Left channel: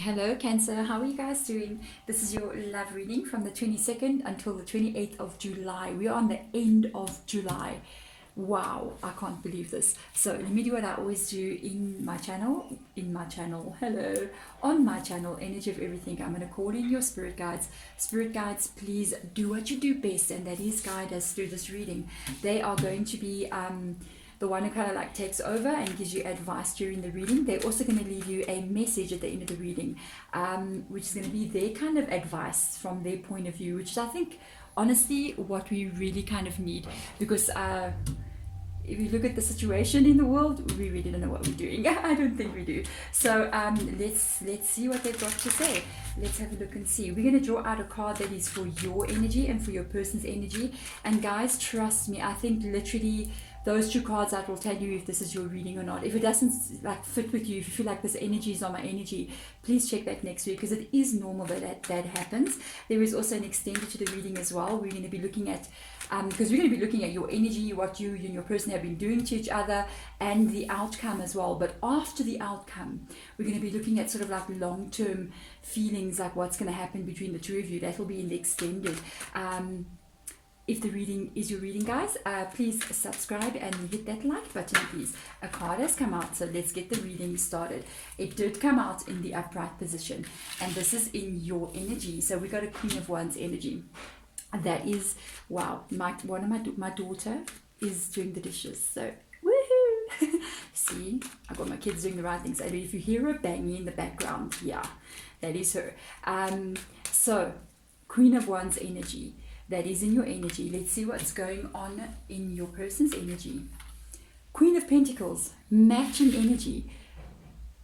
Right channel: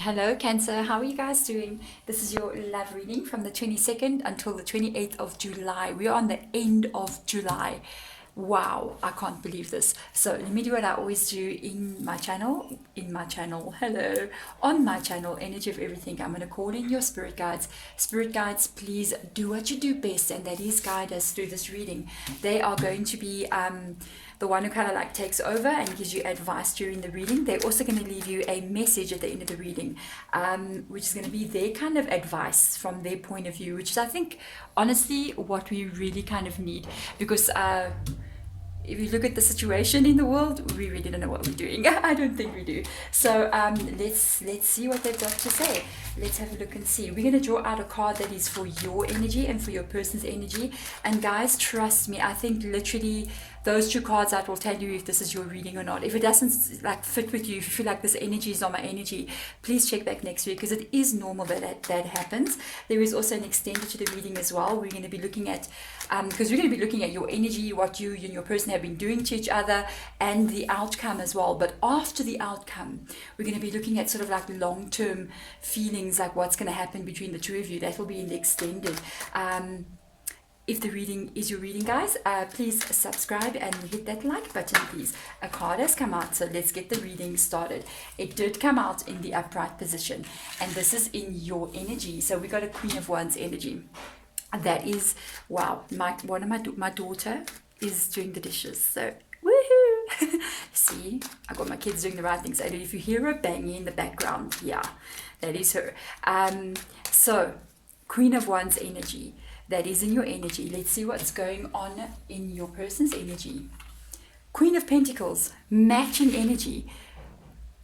Hello, Cancer. How are you guys doing? This is your love reading from the 22nd until the 28th of July. We are on the end of July. Wow, I can't believe this. So let me do what I always do hello, on my channel, Energy of Everything. I'm going to call in your spirit guides. Spirit guides, please do what you do best, and that is guide us through this reading. They are going to be the one who kind of like takes over and gives you advice during the reading. They're also going to leave you a message at the end of the reading, which is going to be their kind of advice from their point of view, which is, I think, honestly, what we really kind of need. Because if you look at the situation in the world, we really don't know what we're doing. I don't think we do. So let's see what they've got to say. Let's have a look and see. We're going to draw out a card that is for your energy and for your person's energy. And guys, trust me, I think literally those two cards out will tell you if this is your reading or not. If it doesn't like fit with you, if you feel like this energy is not my energy, please check back next week, because it is normal that happens. There is also an extended to the reading as well. We're going to be looking at because we're going to be looking at your energy, what you and your person have been doing to each other, and the outcome as well. But after the outcome, we're going to be looking at sort of like long-term feelings, like what's going to happen between the two of you. That will be in the extended. If the reading is your reading, guys, please subscribe and hit that like button, please. A card has come out, so let's get the reading started. It did come out in the upright position, and this is in your energy. So we got a Queen of Wands energy. That is, wow, my daughter is doing the dishes, so woohoo! See, I got my kids doing the right things. And if you hear a banging in the background, yeah, that is her. So, Queen of Wands energy. That is in your energy. Let's see what's going on in your person's energy. Queen of Pentacles, matching energy.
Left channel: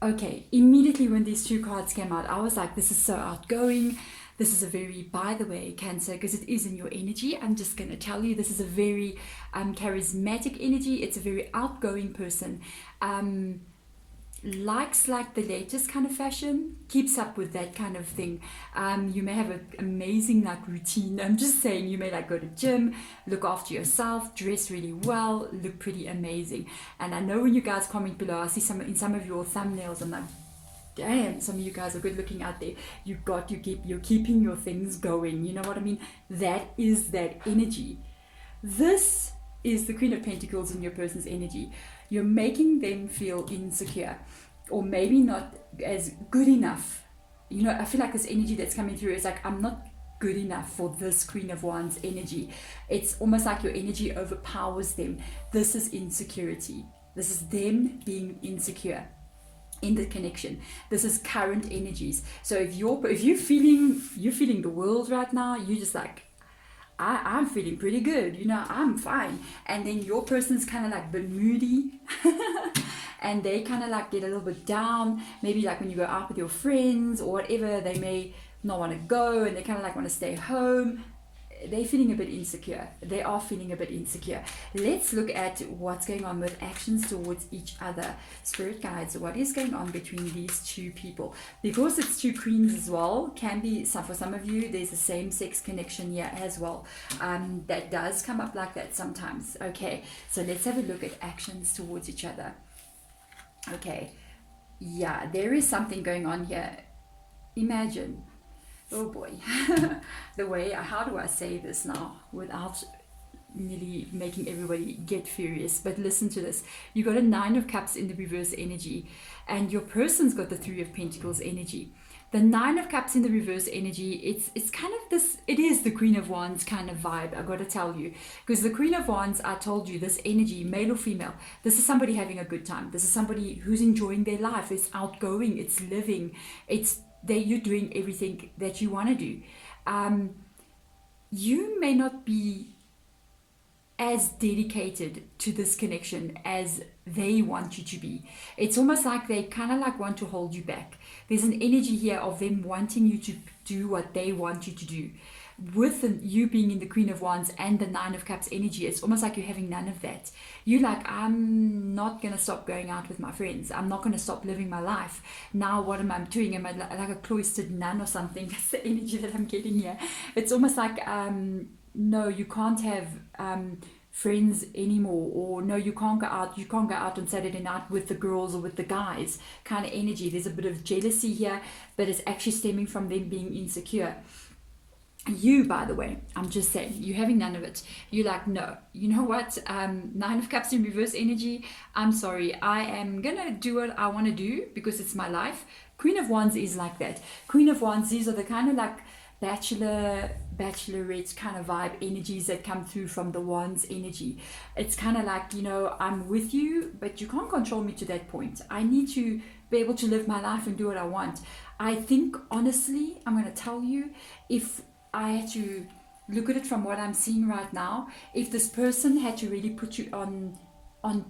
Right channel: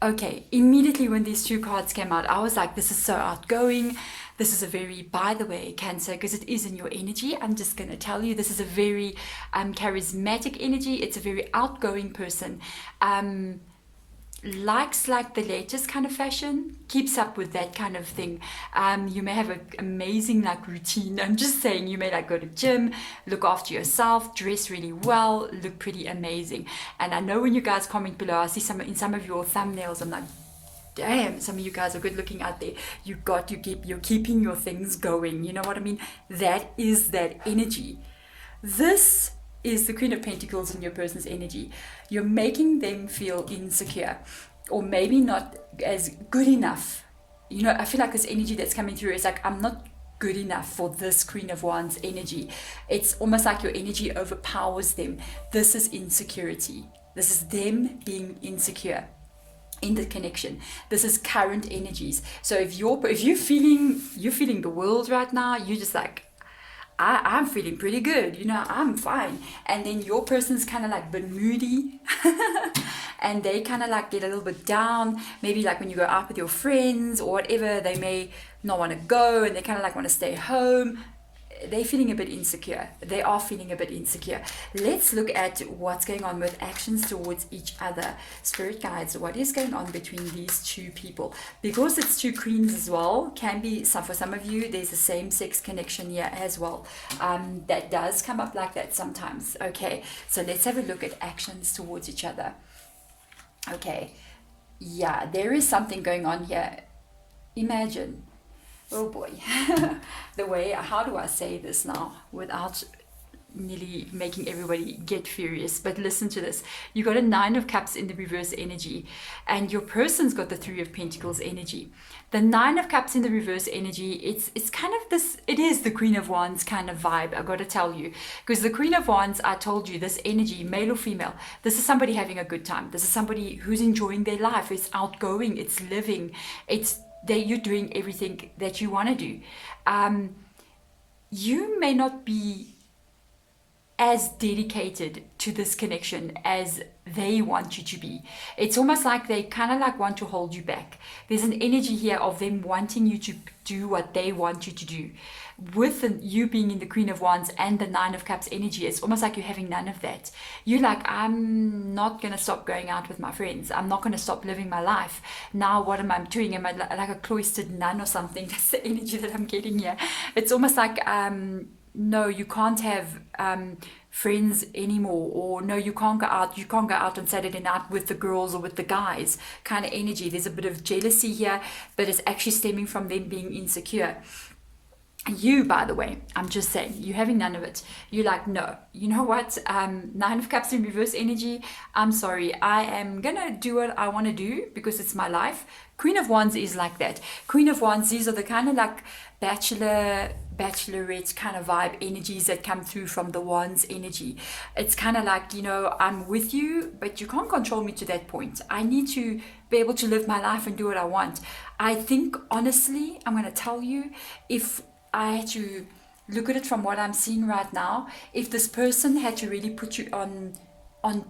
Okay, immediately when these two cards came out, I was like, this is so outgoing. This is a very, by the way, Cancer, because it is in your energy, I'm just going to tell you, this is a very charismatic energy. It's a very outgoing person. Likes like the latest kind of fashion, keeps up with that kind of thing. You may have an amazing like routine. I'm just saying, you may like go to gym, look after yourself, dress really well, look pretty amazing. And I know when you guys comment below, I see in some of your thumbnails, I'm like, damn, some of you guys are good looking out there. You're keeping your things going. You know what I mean? That is that energy. This is the Queen of Pentacles in your person's energy. You're making them feel insecure, or maybe not as good enough. You know, I feel like this energy that's coming through is like, I'm not good enough for this Queen of Wands energy. It's almost like your energy overpowers them. This is insecurity. This is them being insecure in the connection. This is current energies. So if you're feeling the world right now, you're just like, I'm feeling pretty good, you know, I'm fine. And then your person's kind of like been moody and they kind of like get a little bit down. Maybe like when you go out with your friends or whatever, they may not want to go and they kind of like want to stay home. They're feeling a bit insecure. They are feeling a bit insecure. Let's look at what's going on with actions towards each other. Spirit guides, what is going on between these two people? Because it's two queens as well, can be for some of you, there's a same-sex connection here as well. That does come up like that sometimes. Okay, so let's have a look at actions towards each other. Okay, yeah, there is something going on here. Imagine, oh boy, how do I say this now without nearly making everybody get furious? But listen to this. You got a Nine of Cups in the reverse energy, and your person's got the Three of Pentacles energy. The Nine of Cups in the reverse energy, it's kind of this, it is the Queen of Wands kind of vibe, I got to tell you. Because the Queen of Wands, I told you, this energy, male or female, this is somebody having a good time. This is somebody who's enjoying their life. It's outgoing, it's living, you're doing everything that you want to do. You may not be as dedicated to this connection as they want you to be. It's almost like they kind of like want to hold you back. There's an energy here of them wanting you to do what they want you to do. With you being in the Queen of Wands and the Nine of Cups energy, it's almost like you're having none of that. You're like, I'm not going to stop going out with my friends. I'm not going to stop living my life. Now what am I doing? Am I like a cloistered nun or something? That's the energy that I'm getting here. It's almost like, no, you can't have friends anymore, or no, you can't go out on Saturday night with the girls or with the guys kind of energy. There's a bit of jealousy here, but it's actually stemming from them being insecure. You, by the way, I'm just saying, you're having none of it. You're like, no, you know what? Nine of Cups in reverse energy. I'm sorry. I am going to do what I want to do because it's my life. Queen of Wands is like that. Queen of Wands, these are the kind of like bachelorette kind of vibe energies that come through from the Wands energy. It's kind of like, I'm with you, but you can't control me to that point. I need to be able to live my life and do what I want. I think, honestly, I'm going to tell you, if I had to look at it from what I'm seeing right now, if this person had to really put you on a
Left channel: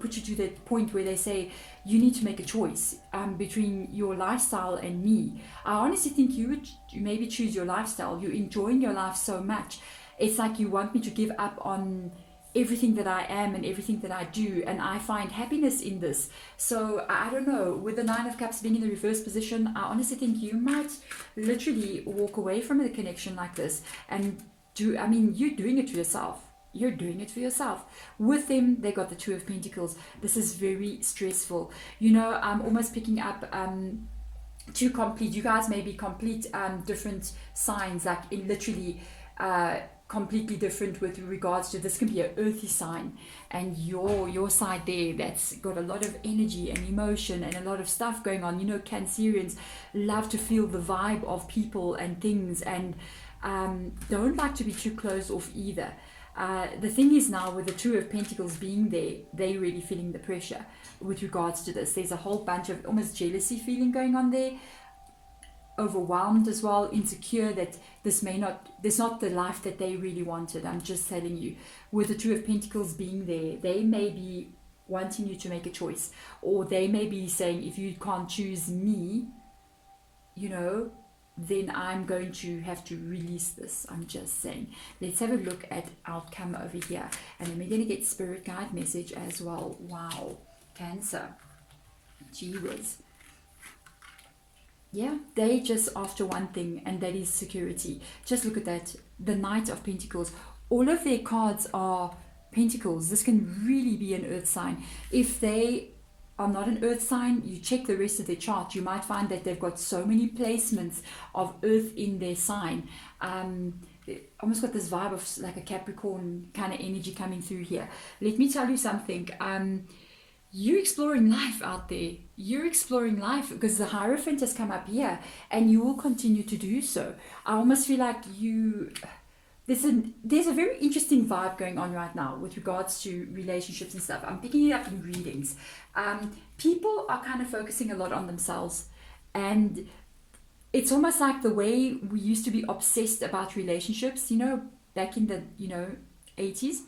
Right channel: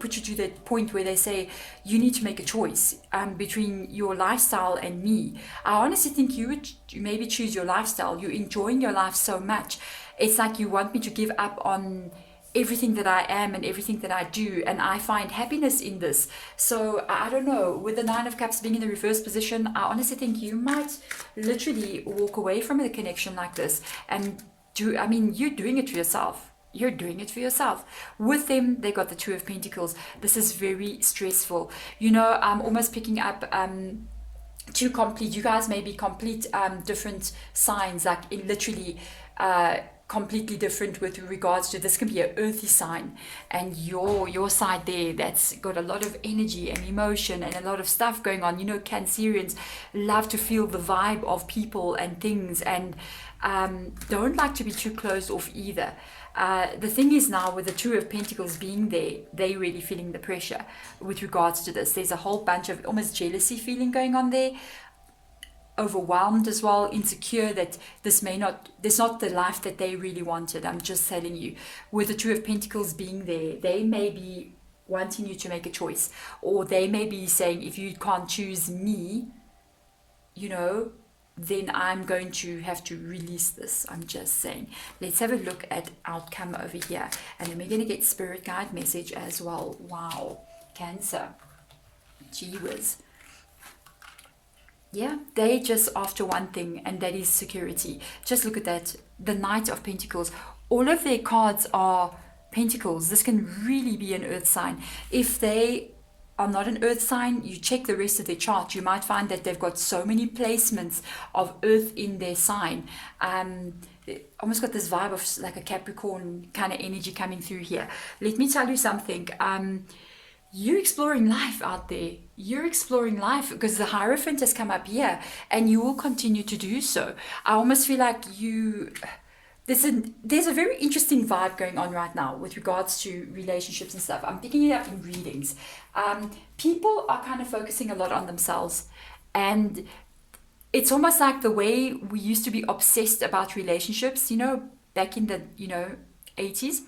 put you to that point where they say you need to make a choice between your lifestyle and me, I honestly think you would maybe choose your lifestyle. You're enjoying your life so much, it's like you want me to give up on everything that I am and everything that I do, and I find happiness in this. So I don't know, with the Nine of Cups being in the reverse position, I honestly think you might literally walk away from a connection like this and you're doing it to yourself. You're doing it for yourself. With them, they got the Two of Pentacles. This is very stressful. I'm almost picking up you guys may be complete different signs, like in literally completely different with regards to, this can be an earthy sign, and your side there that's got a lot of energy and emotion and a lot of stuff going on. Cancerians love to feel the vibe of people and things, and don't like to be too closed off either. The thing is, now with the Two of Pentacles being there, they're really feeling the pressure with regards to this. There's a whole bunch of almost jealousy feeling going on there, overwhelmed as well, insecure that there's not the life that they really wanted. I'm just telling you, with the Two of Pentacles being there, they may be wanting you to make a choice, or they may be saying, if you can't choose me, then I'm going to have to release this. I'm just saying. Let's have a look at outcome over here, and then we're going to get spirit guide message as well. Wow, Cancer, gee whiz. Yeah, they just after one thing, and that is security. Just look at that. The Knight of Pentacles. All of their cards are Pentacles. This can really be an earth sign. If they are not an earth sign, you check the rest of their chart, you might find that they've got so many placements of earth in their sign. Almost got this vibe of like a Capricorn kind of energy coming through here. Let me tell you something. You're exploring life out there. You're exploring life because the Hierophant has come up here, and you will continue to do so. I almost feel like there's a very interesting vibe going on right now with regards to relationships and stuff. I'm picking it up in readings. People are kind of focusing a lot on themselves, and it's almost like the way we used to be obsessed about relationships, back in the 80s.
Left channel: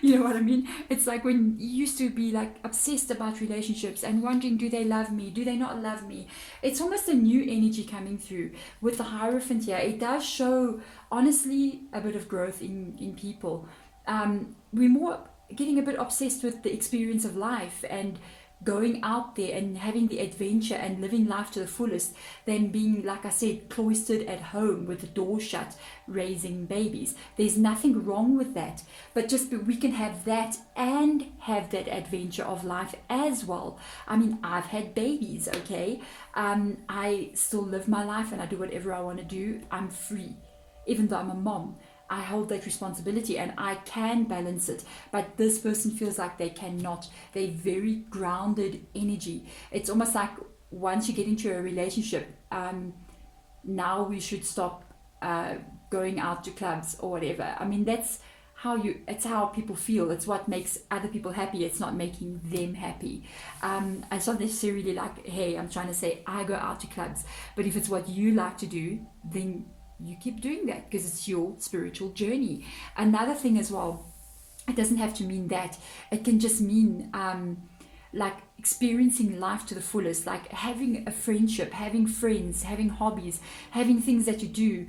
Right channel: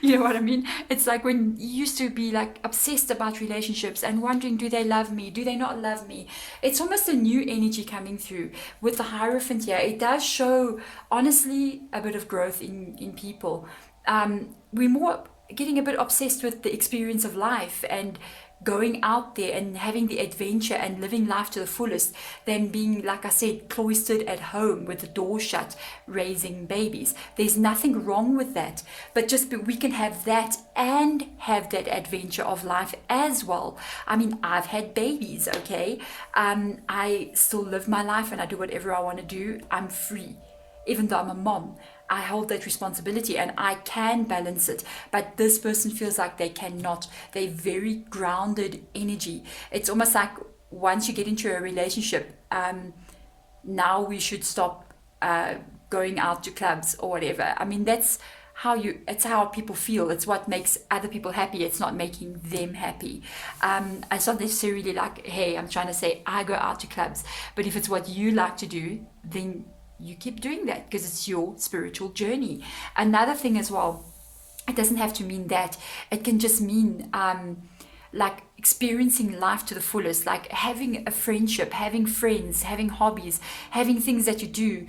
You know what I mean? It's like when you used to be like obsessed about relationships and wondering, do they love me? Do they not love me? It's almost a new energy coming through with the Hierophant here. It does show, honestly, a bit of growth in people. We're more getting a bit obsessed with the experience of life and going out there and having the adventure and living life to the fullest than being, like I said, cloistered at home with the door shut, raising babies. There's nothing wrong with that, but we can have that and have that adventure of life as well. I mean, I've had babies, okay? I still live my life and I do whatever I want to do. I'm free, even though I'm a mom. I hold that responsibility and I can balance it, but this person feels like they cannot. They're very grounded energy. It's almost like once you get into a relationship, now we should stop going out to clubs or whatever. I mean, it's how people feel. It's what makes other people happy. It's not making them happy. It's not necessarily like, hey, I'm trying to say I go out to clubs, but if it's what you like to do, then you keep doing that because it's your spiritual journey. Another thing as well, it doesn't have to mean that. It can just mean like experiencing life to the fullest, like having a friendship, having friends, having hobbies, having things that you do,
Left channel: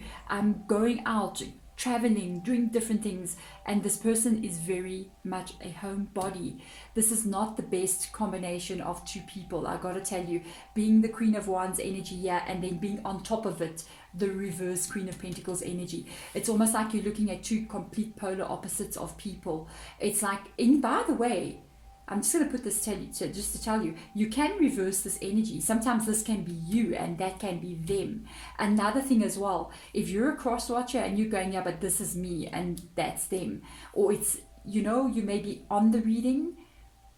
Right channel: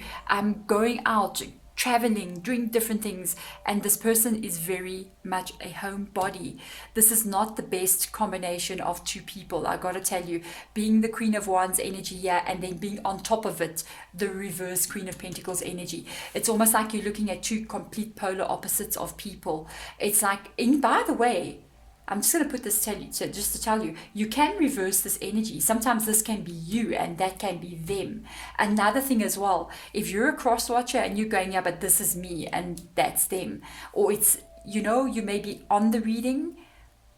going out, traveling, doing different things, and this person is very much a homebody. This is not the best combination of two people, I gotta tell you. Being the Queen of Wands energy here, and then being on top of it the reverse Queen of Pentacles energy. It's almost like you're looking at two complete polar opposites of people. It's like, and by the way, I'm just going to put this just to tell you, you can reverse this energy. Sometimes this can be you and that can be them. Another thing as well, if you're a cross watcher and you're going, yeah, but this is me and that's them, or it's, you know, you may be on the reading,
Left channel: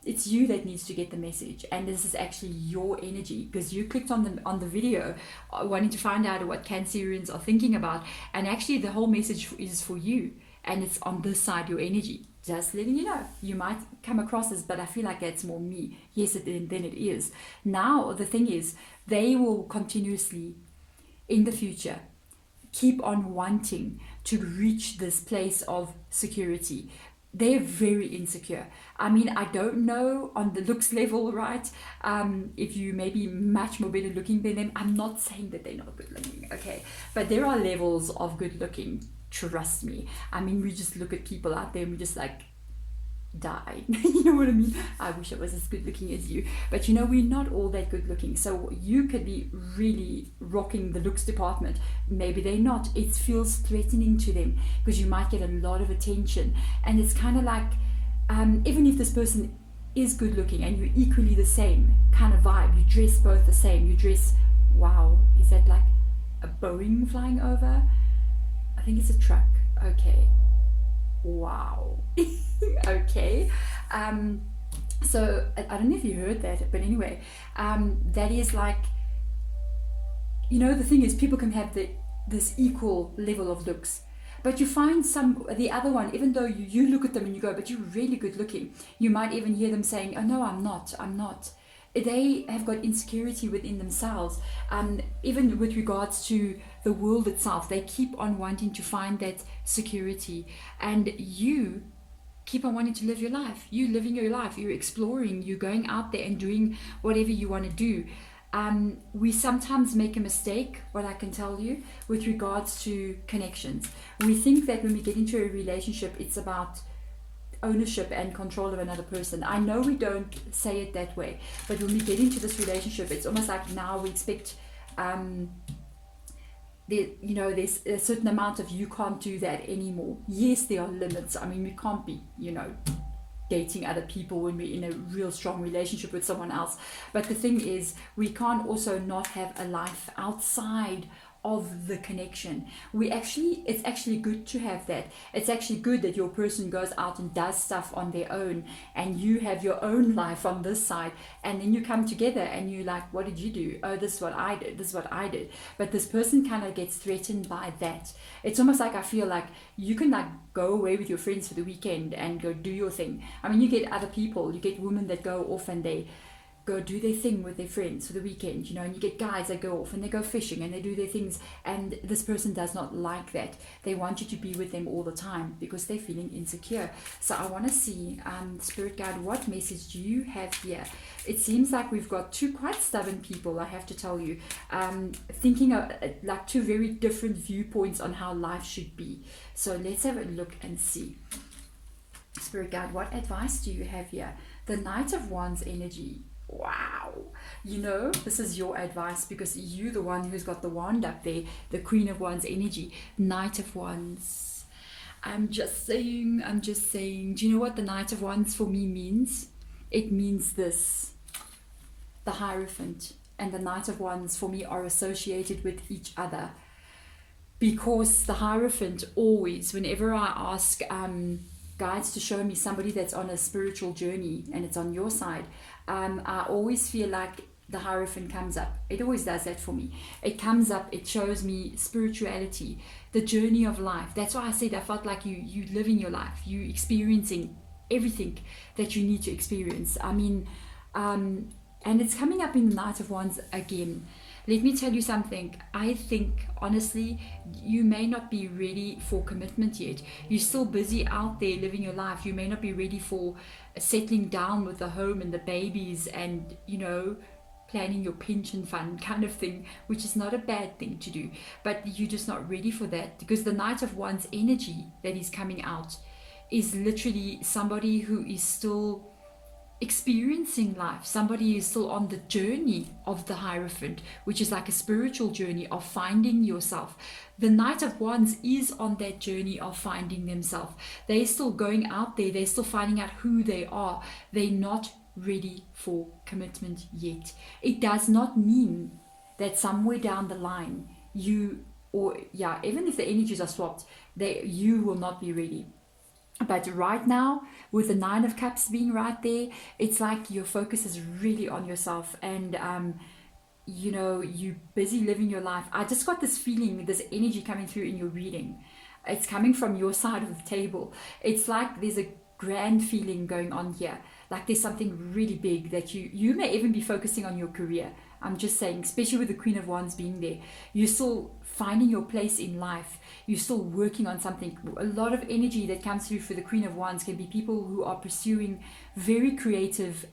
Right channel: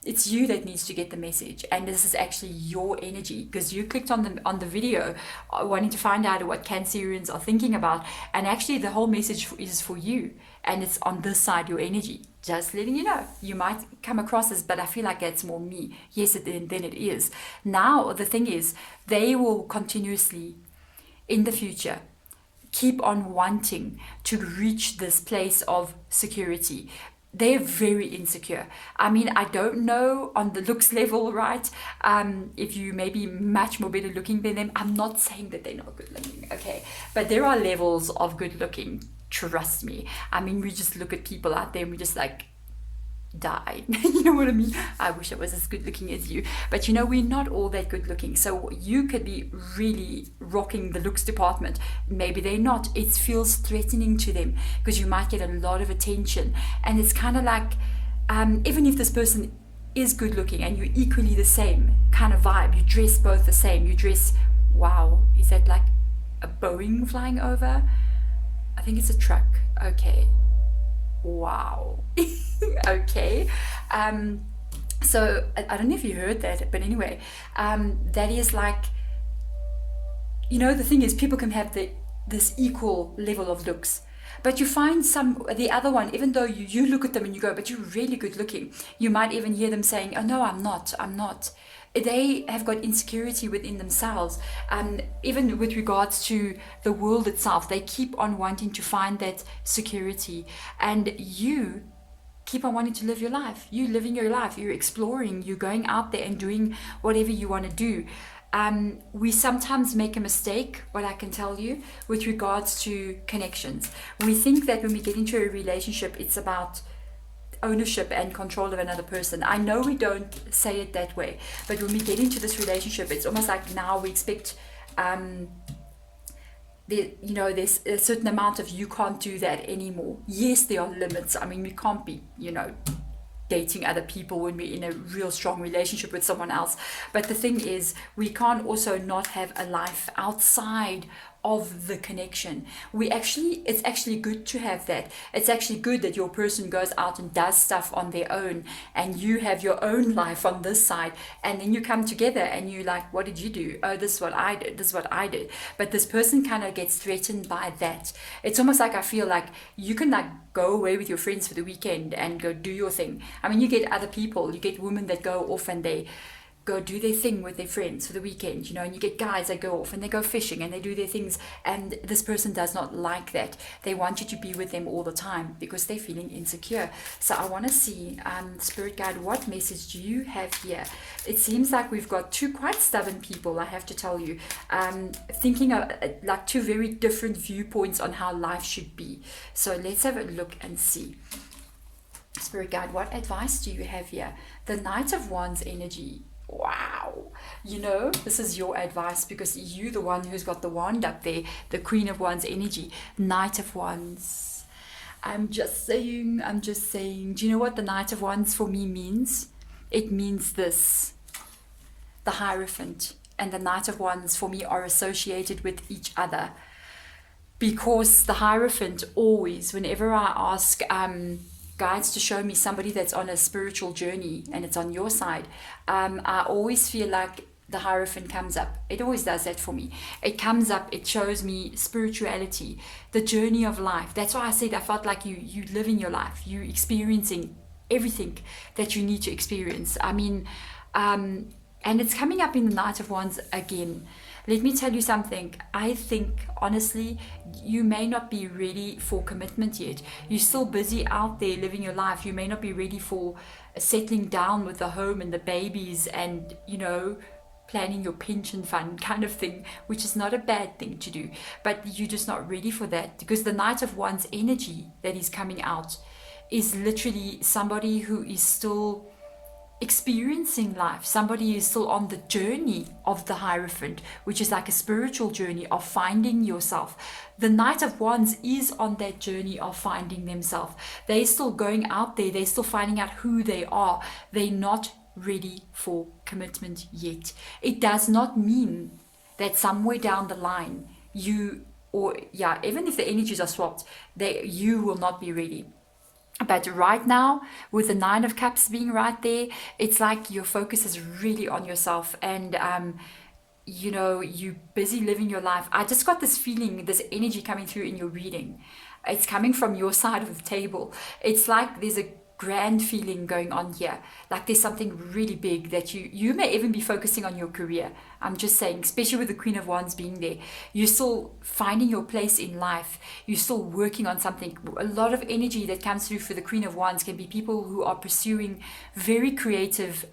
it's you that needs to get the message, and this is actually your energy because you clicked on the video wanting to find out what Cancerians are thinking about, and actually the whole message is for you, and it's on this side, your energy. Just letting you know, you might come across as, but I feel like that's more me. Yes, then it is. Now the thing is, they will continuously in the future keep on wanting to reach this place of security. They're very insecure. I mean, I don't know on the looks level, right? If you may be much more better looking than them. I'm not saying that they're not good looking, okay? But there are levels of good looking, trust me. I mean, we just look at people out there and we just like, die. You know what I mean? I wish I was as good looking as you, but you know, we're not all that good looking. So you could be really rocking the looks department, maybe they're not. It feels threatening to them because you might get a lot of attention, and it's kind of like even if this person is good looking and you're equally the same kind of vibe, you dress both the same, you dress, wow, is that like a Boeing flying over? I think it's a truck. Okay, wow. Okay, so I don't know if you heard that, but anyway, that is like, you know, the thing is, people can have this equal level of looks, but you find the other one, even though you look at them and you go, but you're really good looking, you might even hear them saying, oh no, I'm not. They have got insecurity within themselves, even with regards to the world itself. They keep on wanting to find that security, and you keep on wanting to live your life. You're living your life, you're exploring, you're going out there and doing whatever you want to do. We sometimes make a mistake, what I can tell you, with regards to connections. We think that when we get into a relationship, it's about ownership and control of another person. I know we don't say it that way, but when we get into this relationship, it's almost like now we expect there's a certain amount of, you can't do that anymore. Yes, there are limits. I mean, we can't be, dating other people when we're in a real strong relationship with someone else. But the thing is, we can't also not have a life outside of the connection. It's actually good to have that. It's actually good that your person goes out and does stuff on their own, and you have your own life on this side, and then you come together and you're like, what did you do? Oh, this is what I did. But this person kind of gets threatened by that. It's almost like, I feel like you can like go away with your friends for the weekend and go do your thing. I mean, you get other people, you get women that go off and they go do their thing with their friends for the weekend, and you get guys that go off and they go fishing and they do their things, and this person does not like that. They want you to be with them all the time because they're feeling insecure. So I want to see, Spirit Guide, what message do you have here? It seems like we've got two quite stubborn people, I have to tell you, thinking of like two very different viewpoints on how life should be. So let's have a look and see. Spirit Guide, what advice do you have here? The Knight of Wands energy. Wow, this is your advice because you're the one who's got the wand up there, the Queen of Wands energy, Knight of Wands. I'm just saying, do you know what the Knight of Wands for me means? It means this: the Hierophant and the Knight of Wands for me are associated with each other, because the Hierophant always, whenever I ask guides to show me somebody that's on a spiritual journey and it's on your side, I always feel like the Hierophant comes up. It always does that for me. It comes up, it shows me spirituality, the journey of life. That's why I said I felt like you living your life, you experiencing everything that you need to experience. I mean, and it's coming up in the Knight of Wands again. Let me tell you something. I think, honestly, you may not be ready for commitment yet. You're still busy out there living your life. You may not be ready for settling down with the home and the babies and, planning your pension fund kind of thing, which is not a bad thing to do, but you're just not ready for that, because the Knight of Wands energy that is coming out is literally somebody who is still experiencing life, somebody who is still on the journey of the Hierophant, which is like a spiritual journey of finding yourself. The Knight of Wands is on that journey of finding themselves. They're still going out there, they're still finding out who they are. They're not ready for commitment yet. It does not mean that somewhere down the line even if the energies are swapped, you will not be ready. But right now, with the Nine of Cups being right there, it's like your focus is really on yourself, and you're busy living your life. I just got this feeling, this energy coming through in your reading. It's coming from your side of the table. It's like there's a grand feeling going on here, like there's something really big that you may even be focusing on your career. I'm just saying, especially with the Queen of Wands being there, you're still finding your place in life, you're still working on something. A lot of energy that comes through for the Queen of Wands can be people who are pursuing very creative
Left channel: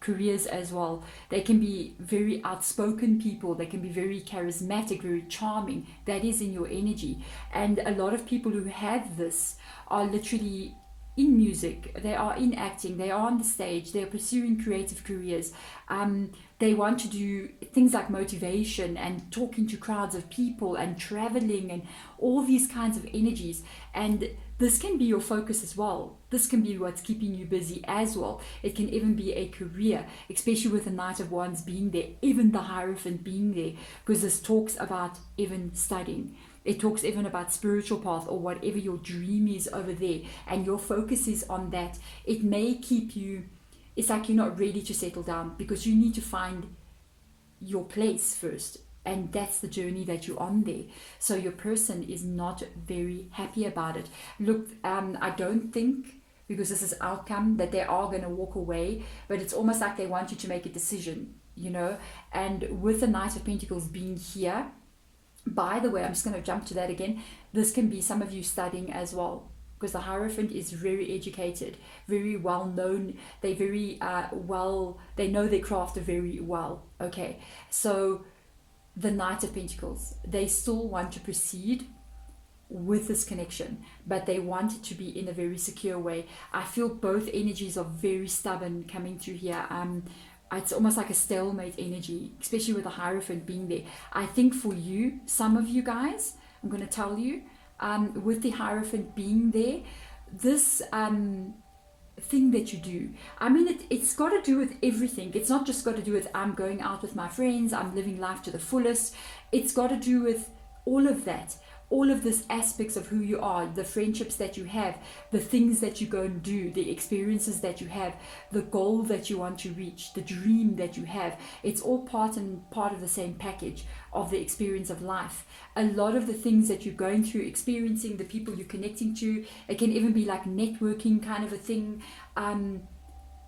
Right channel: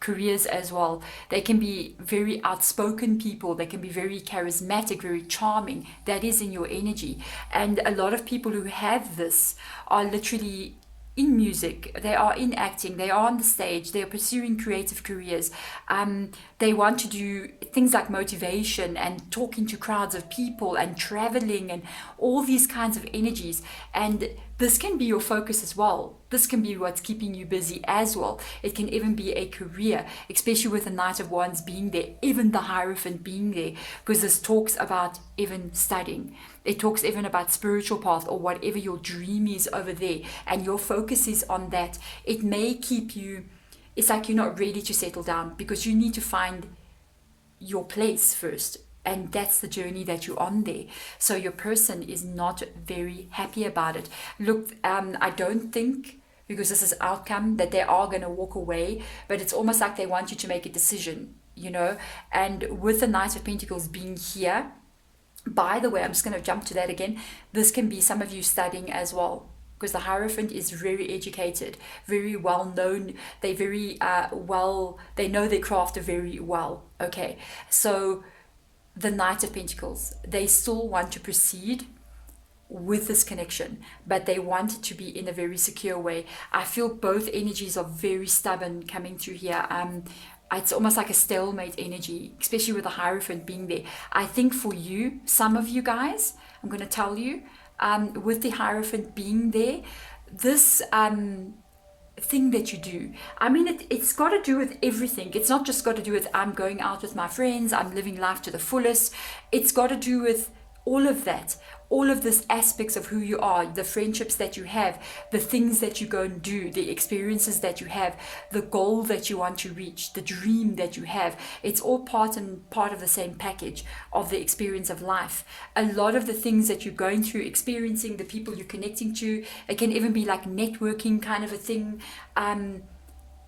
careers as well. They can be very outspoken people, they can be very charismatic, very charming. That is in your energy. And a lot of people who have this are literally in music, they are in acting, they are on the stage, they are pursuing creative careers. They want to do things like motivation and talking to crowds of people and traveling and all these kinds of energies. And this can be your focus as well. This can be what's keeping you busy as well. It can even be a career, especially with the Knight of Wands being there, even the Hierophant being there, because this talks about even studying. It talks even about spiritual path or whatever your dream is over there, and your focus is on that. It may keep you, it's like you're not ready to settle down because you need to find your place first. And that's the journey that you're on there. So your person is not very happy about it. Look, I don't think, because this is outcome, that they are going to walk away, but it's almost like they want you to make a decision, And with the Knight of Pentacles being here, by the way, I'm just going to jump to that again. This can be some of you studying as well, because the Hierophant is very educated, very well known. They very they know their craft very well. Okay, so the Knight of Pentacles, they still want to proceed with this connection, but they want it to be in a very secure way. I feel both energies are very stubborn coming through here. It's almost like a stalemate energy, especially with the Hierophant being there. I think for you, some of you guys, I'm going to tell you, with the Hierophant being there, this thing that you do, I mean, it's got to do with everything. It's not just got to do with I'm going out with my friends, I'm living life to the fullest. It's got to do with all of that, all of these aspects of who you are, the friendships that you have, the things that you go and do, the experiences that you have, the goal that you want to reach, the dream that you have. It's all part of the same package of the experience of life. A lot of the things that you're going through, experiencing, the people you're connecting to, it can even be like networking kind of a thing.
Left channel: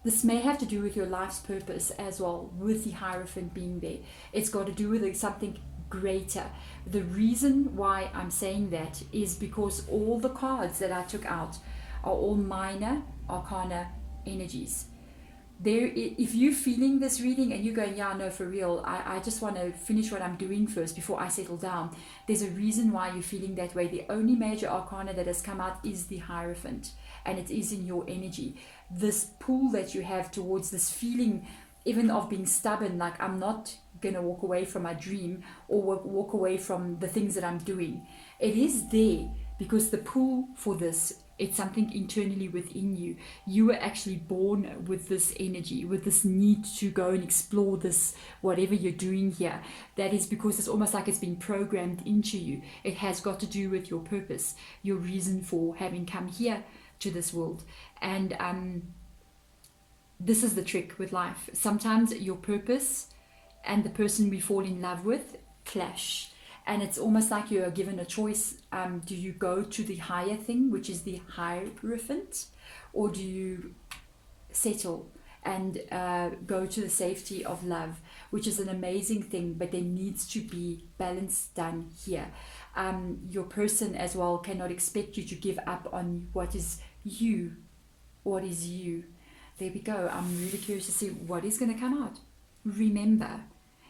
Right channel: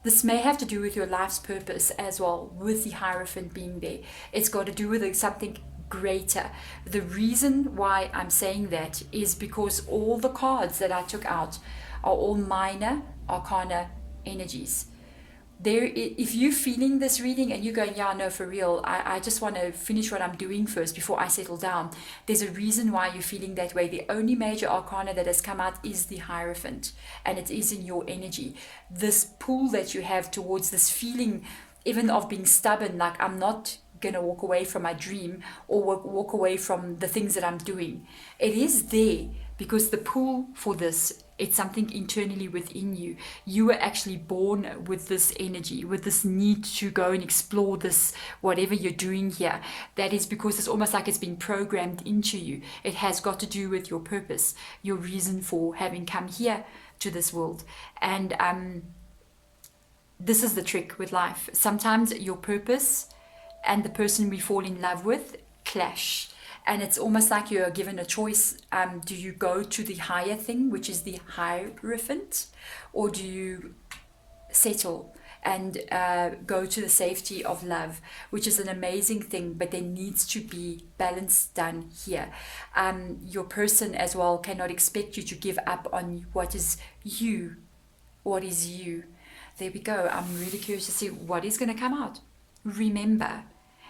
This may have to do with your life's purpose as well, with the Hierophant being there. It's got to do with something greater. The reason why I'm saying that is because all the cards that I took out are all minor arcana energies. If you're feeling this reading and you're going, yeah, no, for real, I just want to finish what I'm doing first before I settle down, there's a reason why you're feeling that way. The only major arcana that has come out is the Hierophant, and it is in your energy. This pull that you have towards this feeling, even of being stubborn, like I'm not going to walk away from my dream or walk away from the things that I'm doing. It is there because the pull for this, it's something internally within you. You were actually born with this energy, with this need to go and explore this, whatever you're doing here. That is because it's almost like it's been programmed into you. It has got to do with your purpose, your reason for having come here to this world. And this is the trick with life. Sometimes your purpose and the person we fall in love with clash, and it's almost like you're given a choice. Do you go to the higher thing, which is the Hierophant, or do you settle and go to the safety of love, which is an amazing thing, but there needs to be balance done here. Your person as well cannot expect you to give up on what is you. What is you? There we go. I'm really curious to see what is going to come out. remember,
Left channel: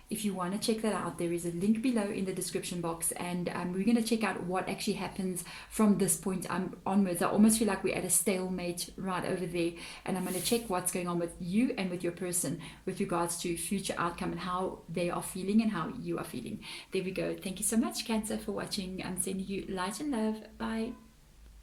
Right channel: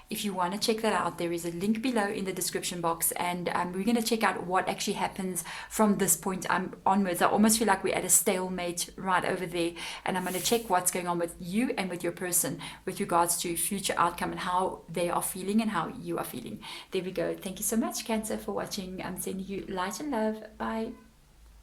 if you want to check that out, there is a link below in the description box, and we're going to check out what actually happens from this point onwards. I almost feel like we're at a stalemate right over there, and I'm going to check what's going on with you and with your person with regards to future outcome and how they are feeling and how you are feeling. There we go. Thank you so much, Cancer, for watching. I'm sending you light and love. Bye.